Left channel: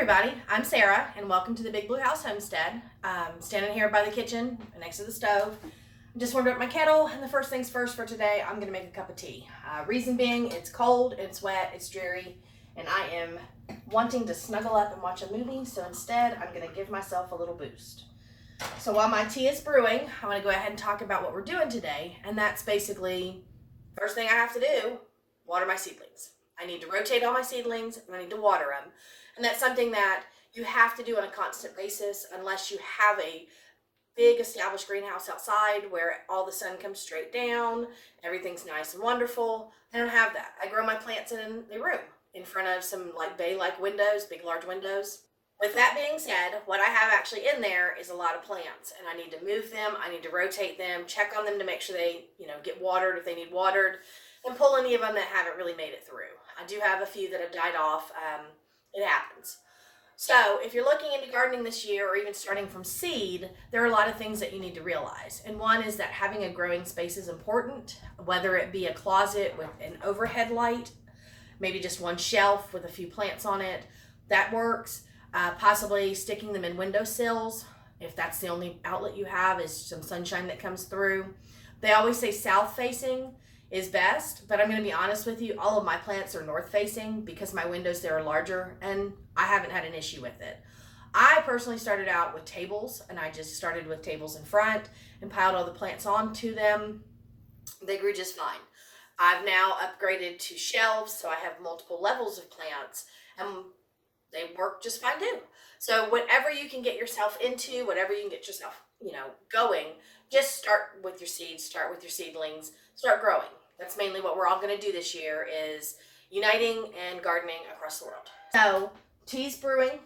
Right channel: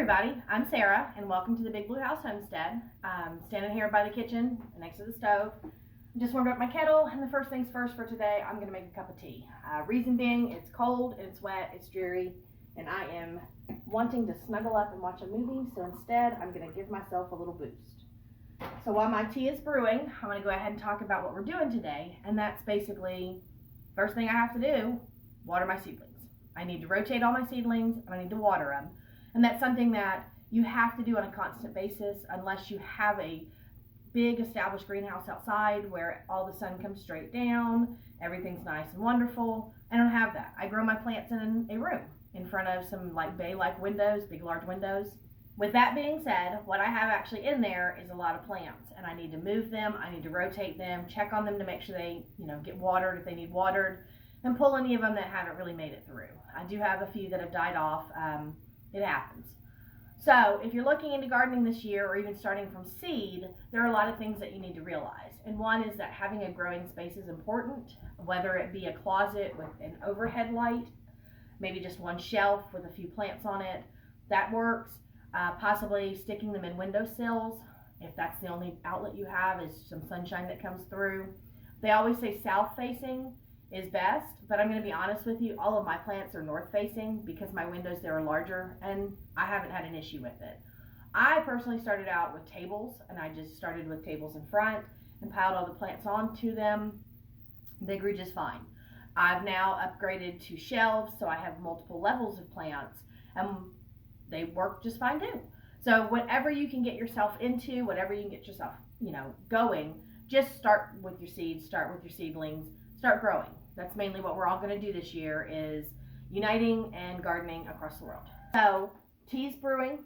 everybody, I'm Sarah and welcome to the Big Blue House Homestead. Standing here by the kitchen next to the stove. Just warmed up my kettle, and the first things first for today, I'm going to make a cup of tea. Reason being, it's cold, it's wet, it's dreary, and I am wanting to snuggle up and watch a movie, so instead I'm going to give myself a little boost. So while my tea is brewing, I want to go ahead and talk about what we're doing today, and that's basically, first thing I have to do, water my seedlings. I need to rotate all my seedlings, and I need to water them. And that's something that you have to do on a constant basis unless you have a big established greenhouse outside where all the sun comes straight down, everything's nice and wonderful. I don't have that. I grow my plants in a room in front of some like bay-like windows, big large windows. With that being said, what I have actually in there is a lot of plants, and I need to move them, I need to rotate them, check on them to make sure they, get watered if they need watered, and pull any of them that haven't really made it through. I do have a few that have died off. It happens. So if you're looking into gardening this year or even starting from seed, there are a lot of things that you need to realize. And one is that having a growing space is important, whether it be a closet with an overhead light, maybe just one shelf with a few plants on it, that works. Possibly sticking them in windowsills, if that's the only outlet you have, is some sunshine that comes through. They always say south facing is best, but I'm going to be honest with you, all of my plants are north facing because my windows there are larger and I haven't had an issue with it. I personally started out with tables, and I just started with tables in front and piled all the plants onto them. They grew just fine. I've now upgraded to shelves, so I have multiple levels of plants and they work just fine too. So whatever you can get yourself into, whatever you can get yourself, going, just start with your seeds, start with your seedlings, start growing. That's mainly what we're all going to do this year, is uniting and gardening across the world. So tea's brewing.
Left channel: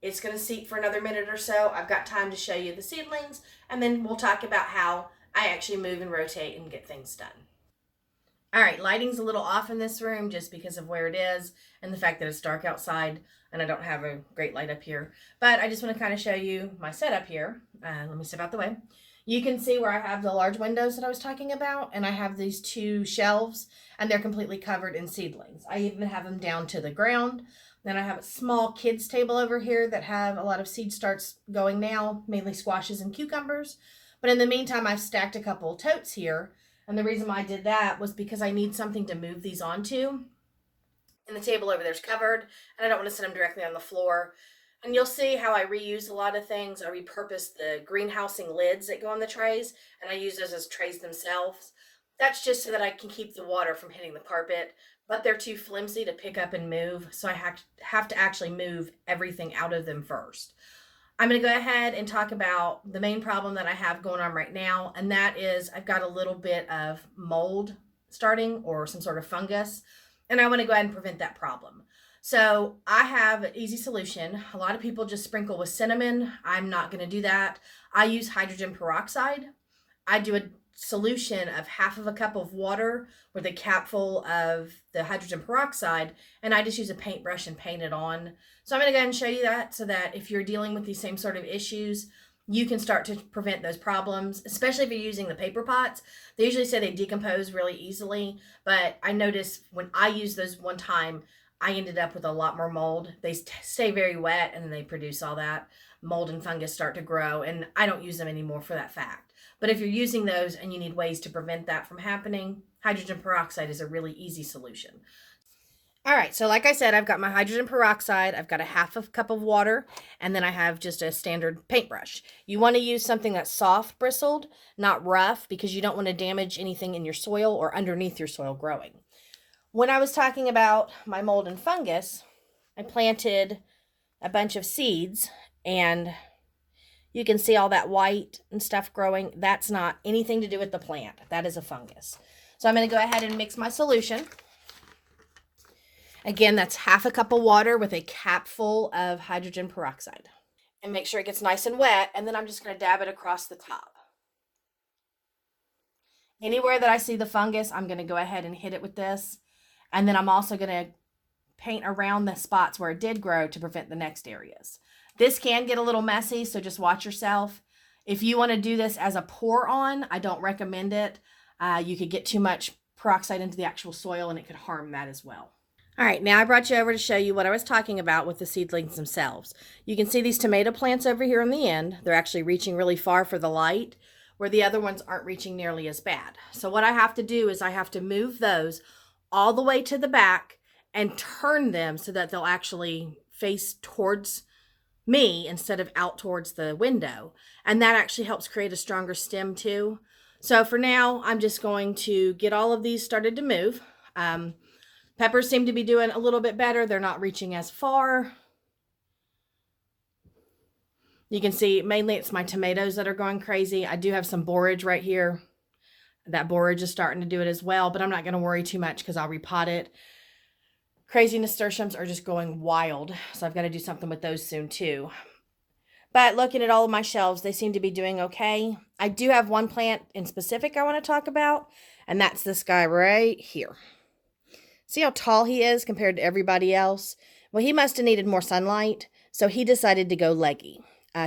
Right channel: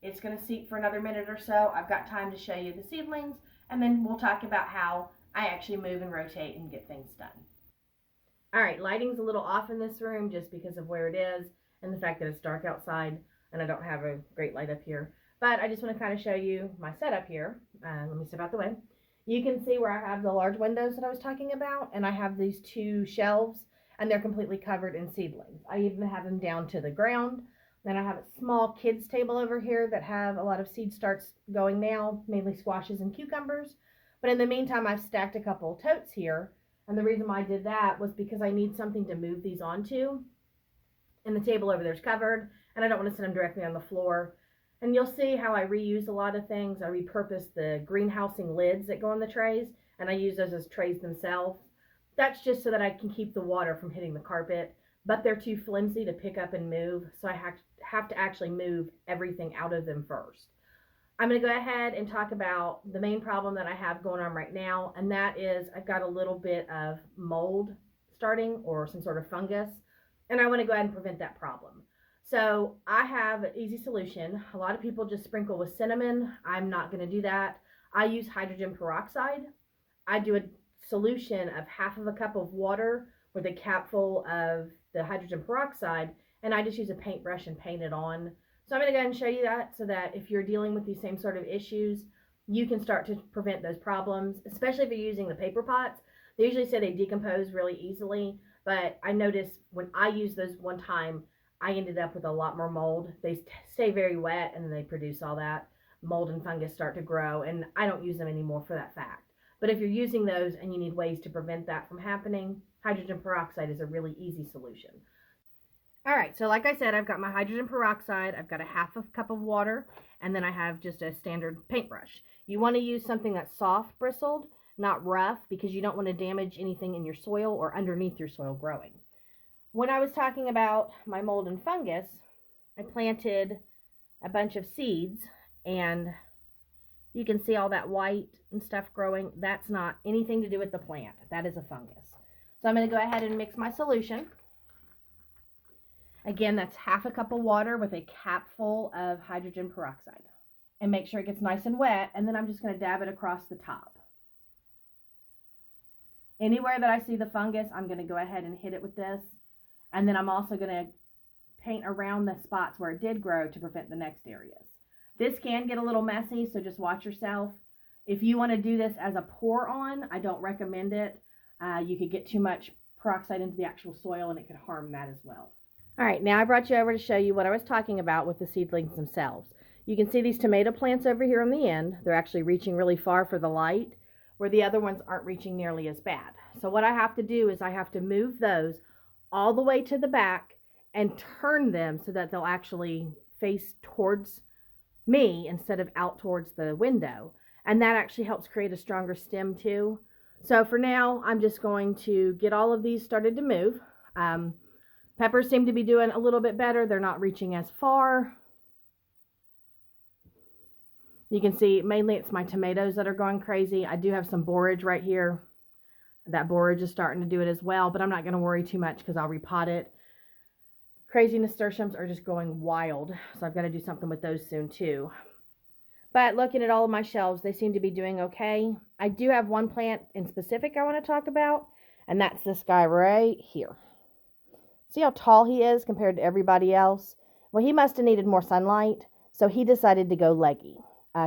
It's going to steep for another minute or so. I've got time to show you the seedlings, and then we'll talk about how I actually move and rotate and get things done. All right, lighting's a little off in this room just because of where it is and the fact that it's dark outside and I don't have a great light up here. But I just want to kind of show you my setup here. Let me step out the way. You can see where I have the large windows that I was talking about, and I have these two shelves, and they're completely covered in seedlings. I even have them down to the ground. Then I have a small kids table over here that have a lot of seed starts going now, mainly squashes and cucumbers. But in the meantime, I've stacked a couple totes here, and the reason why I did that was because I need something to move these onto. And the table over there's covered, and I don't want to set them directly on the floor. And you'll see how I reuse a lot of things. I repurpose the greenhousing lids that go on the trays, and I use those as trays themselves. That's just so that I can keep the water from hitting the carpet, but they're too flimsy to pick up and move, so I have to actually move everything out of them first. I'm going to go ahead and talk about the main problem that I have going on right now, and that is I've got a little bit of mold starting, or some sort of fungus, and I want to go ahead and prevent that problem. So I have an easy solution. A lot of people just sprinkle with cinnamon. I'm not going to do that. I use hydrogen peroxide. I do a solution of half of a cup of water with a cap full of the hydrogen peroxide, and I just use a paintbrush and paint it on. So I'm going to go ahead and show you that, so that if you're dealing with these same sort of issues, you can start to prevent those problems, especially if you're using the paper pots. They usually say they decompose really easily, but I noticed when I used those one time, I ended up with a lot more mold. They stay very wet, and then they produce all that mold and fungus start to grow, and I don't use them anymore for that fact. But if you're using those and you need ways to prevent that from happening, hydrogen peroxide is a really easy solution. All right, so like I said, I've got my hydrogen peroxide, I've got a half a cup of water, and then I have just a standard paintbrush. You want to use something that's soft bristled, not rough, because you don't want to damage anything in your soil or underneath your soil growing. When I was talking about my mold and fungus, I planted a bunch of seeds, and you can see all that white and stuff growing. That's not anything to do with the plant. That is a fungus. So I'm going to go ahead and mix my solution. Again, that's half a cup of water with a cap full of hydrogen peroxide. And make sure it gets nice and wet, and then I'm just going to dab it across the top. Anywhere that I see the fungus, I'm going to go ahead and hit it with this. And then I'm also going to paint around the spots where it did grow to prevent the next areas. This can get a little messy, so just watch yourself. If you want to do this as a pour on, I don't recommend it. You could get too much peroxide into the actual soil, and it could harm that as well. All right, now I brought you over to show you what I was talking about with the seedlings themselves. You can see these tomato plants over here on the end. They're actually reaching really far for the light, where the other ones aren't reaching nearly as bad. So what I have to do is I have to move those all the way to the back and turn them so that they'll actually face towards me instead of out towards the window. And that actually helps create a stronger stem too. So for now, I'm just going to get all of these started to move. Peppers seem to be doing a little bit better. They're not reaching as far. You can see mainly it's my tomatoes that are going crazy. I do have some borage right here. That borage is starting to do it as well, but I'm not going to worry too much because I'll repot it. Crazy nasturtiums are just going wild, so I've got to do something with those soon too. But looking at all of my shelves, they seem to be doing okay. I do have one plant in specific I want to talk about, and that's this guy right here. See how tall he is compared to everybody else? Well, he must have needed more sunlight, so he decided to go leggy.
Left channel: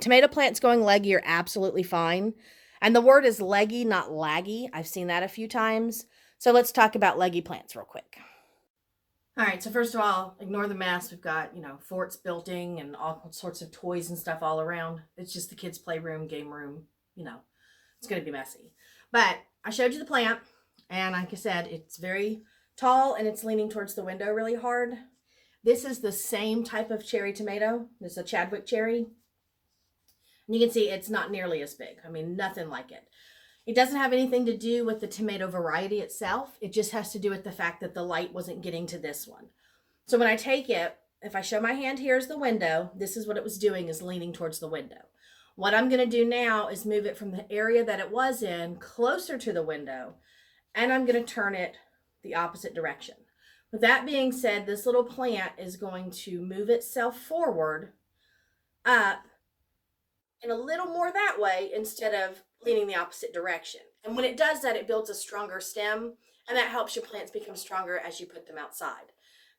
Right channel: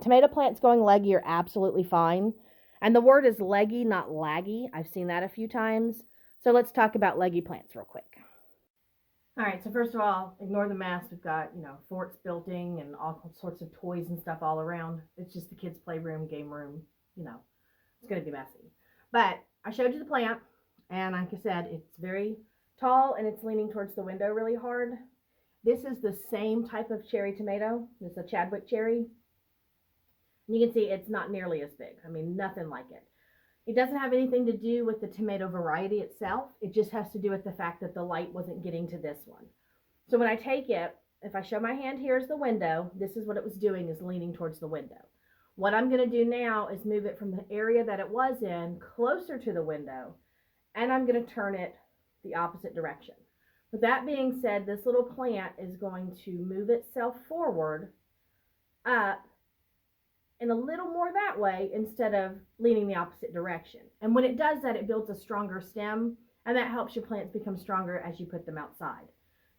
Tomato plants going leggy are absolutely fine. And the word is leggy, not laggy. I've seen that a few times. So let's talk about leggy plants real quick. All right, so first of all, ignore the mess. We've got, forts building and all sorts of toys and stuff all around. It's just the kids' playroom, game room, it's going to be messy. But I showed you the plant, and like I said, it's very tall and it's leaning towards the window really hard. This is the same type of cherry tomato. This is a Chadwick cherry. And you can see it's not nearly as big. I mean, nothing like it. It doesn't have anything to do with the tomato variety itself. It just has to do with the fact that the light wasn't getting to this one. So when I take it, if I show my hand here as the window, this is what it was doing, is leaning towards the window. What I'm going to do now is move it from the area that it was in closer to the window, and I'm going to turn it the opposite direction. With that being said, this little plant is going to move itself forward, up, and a little more that way instead of leaning the opposite direction. And when it does that, it builds a stronger stem, and that helps your plants become stronger as you put them outside.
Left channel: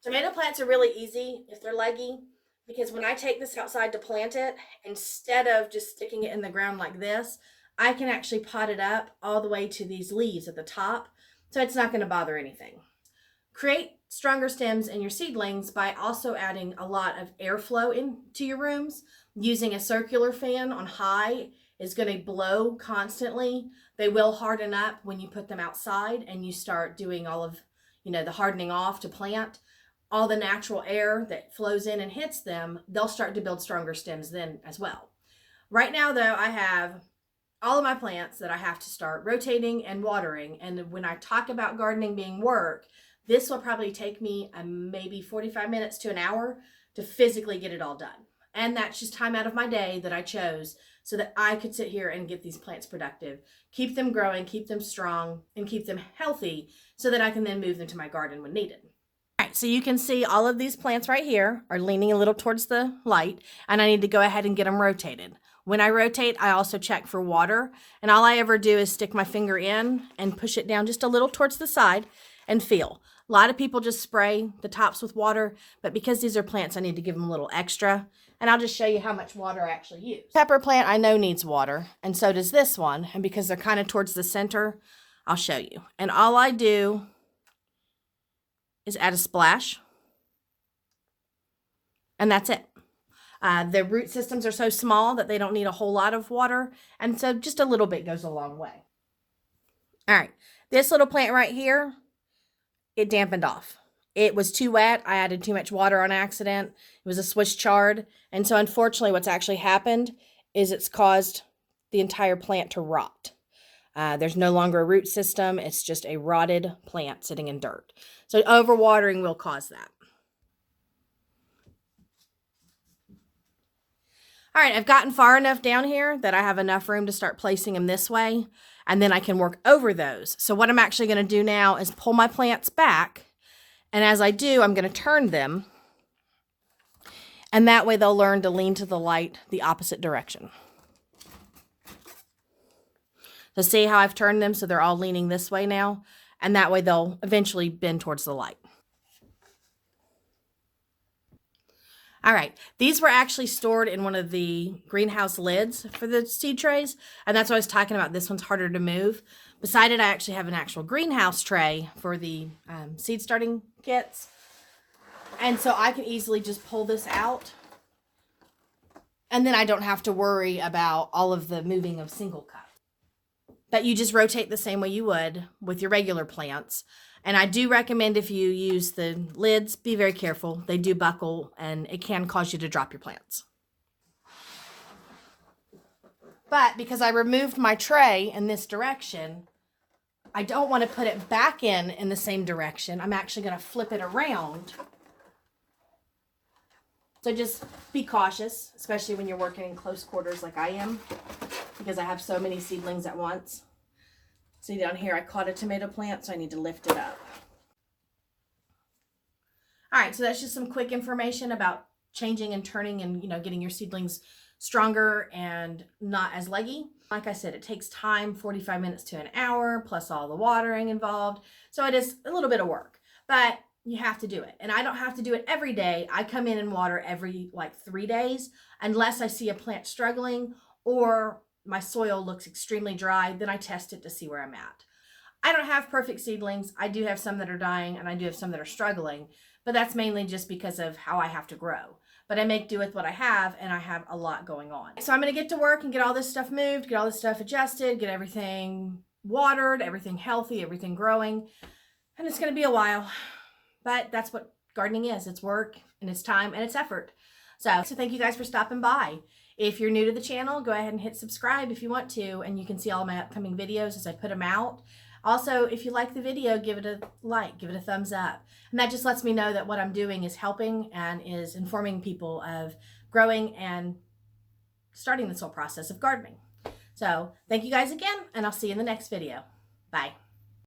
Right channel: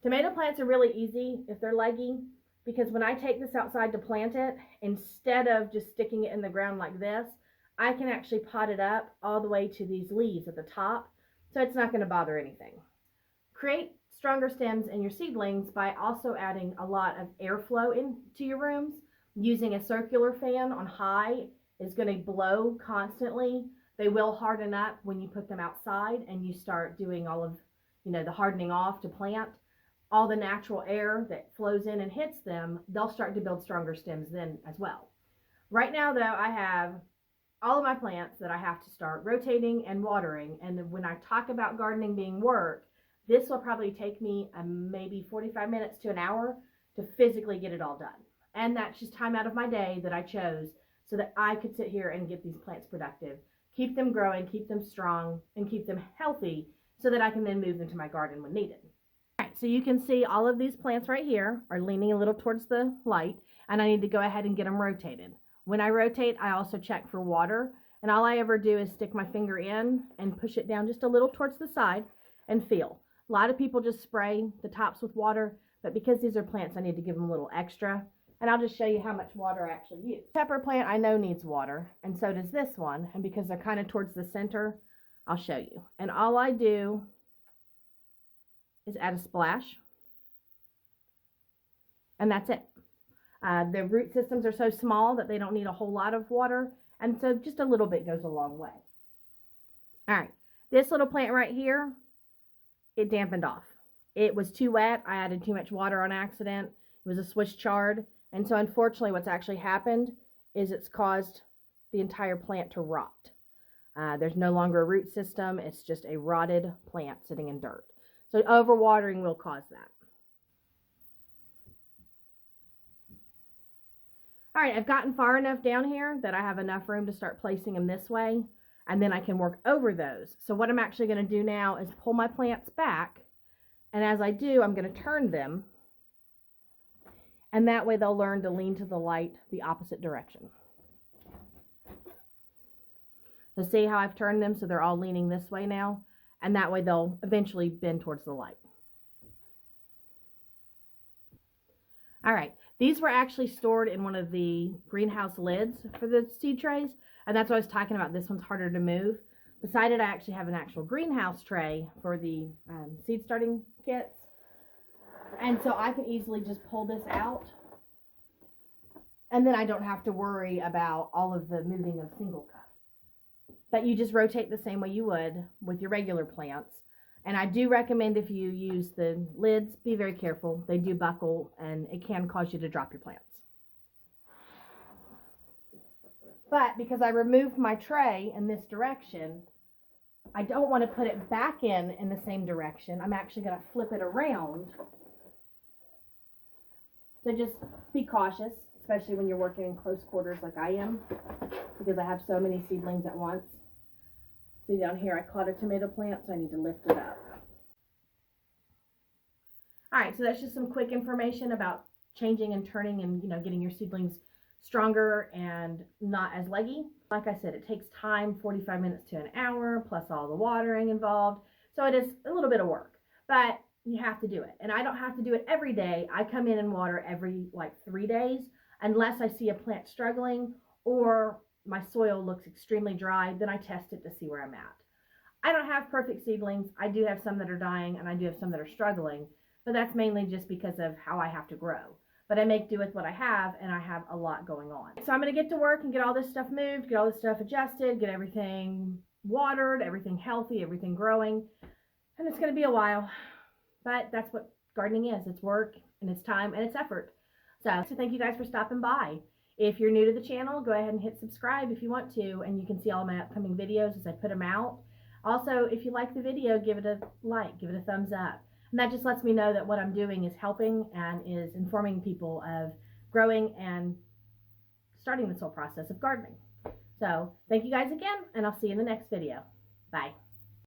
Tomato plants are really easy if they're leggy, because when I take this outside to plant it, instead of just sticking it in the ground like this, I can actually pot it up all the way to these leaves at the top, so it's not going to bother anything. Create stronger stems in your seedlings by also adding a lot of airflow into your rooms. Using a circular fan on high is going to blow constantly. They will harden up when you put them outside and you start doing all of, the hardening off to plant. All the natural air that flows in and hits them, they'll start to build stronger stems then as well. Right now, though, I have all of my plants that I have to start rotating and watering. And when I talk about gardening being work, this will probably take me maybe 45 minutes to an hour to physically get it all done. And that's just time out of my day that I chose so that I could sit here and get these plants productive, keep them growing, keep them strong, and keep them healthy so that I can then move them to my garden when needed. All right, so you can see all of these plants right here are leaning a little towards the light, and I need to go ahead and get them rotated. When I rotate, I also check for water, and all I ever do is stick my finger in and push it down just a little towards the side and feel. A lot of people just spray the tops with water, but because these are plants, I need to give them a little extra. And I'll just show you how much water I actually use. Pepper plant I know needs water, and so does this one. And because they're kind of towards the center, I'll show you. And all I do is add a splash. And that's it. The root systems are so small that they don't need a whole lot of water. And so just a little bit goes a long way. All right, this little plant right here, it dampened off. It was too wet. I added too much water on accident. It was a Swiss chard. And so unfortunately what's actually happened is it's caused the entire plant to rot. There's no longer a root system. It's just a rotted plant sitting in dirt. So overwatering will cause that. All right, I've gotten far enough down here that I have enough room to start placing them this way, and then I can work over those. So what I'm actually going to do now is pull my plants back, and as I do, I'm going to turn them, and that way they'll learn to lean to the light the opposite direction. So see how I've turned them so they're all leaning this way now, and that way they'll eventually bend towards the light. All right, these were actually stored in one of the greenhouse lids for the seed trays, and that's what I was talking about. This one's harder to move. Beside it, I actually have an actual greenhouse tray for the seed starting kits. And so I can easily just pull this out. And then I don't have to worry about all of the moving of single cups. But you just rotate the same way you would with your regular plants. And I do recommend if you use the lids, be very careful. They do buckle and it can cause you to drop your plants. But because I removed my tray in this direction, I don't want to put it back in the same direction. I'm actually going to flip it around. So just be cautious, especially when you're working in close quarters like I am, because I have so many seedlings at once. See down here, I caught a tomato plant, so I need to lift it up. All right, so that's just some quick information about changing and turning and, getting your seedlings stronger and not as leggy. Like I said, it takes time, 45 minutes to an hour, plus all the watering involved. So it is a little bit of work, but you have to do it. And I don't have to do it every day. I come in and water every 3 days, unless I see a plant struggling or my soil looks extremely dry, then I test it to see where I'm at. I don't have perfect seedlings. I do have some that are dying and I do have some that are struggling, but that's mainly just because of how I have to grow. But I make do with what I have, and I have a lot going on. So I'm gonna get to work and get all this stuff moved, get all this stuff adjusted, get everything watered, everything healthy, everything growing. And it's gonna be a while, but that's what gardening is. It's work and it's time and it's effort. So thank you guys for stopping by. If you're new to the channel, go ahead and hit subscribe if you want to, and you can see all my upcoming videos as I put them out. Also, if you like the video, give it a like, give it a thumbs up. And that just lets me know that what I'm doing is helping and is informing people of growing and starting this whole process of gardening. So thank you guys again, and I'll see you in the next video. Bye.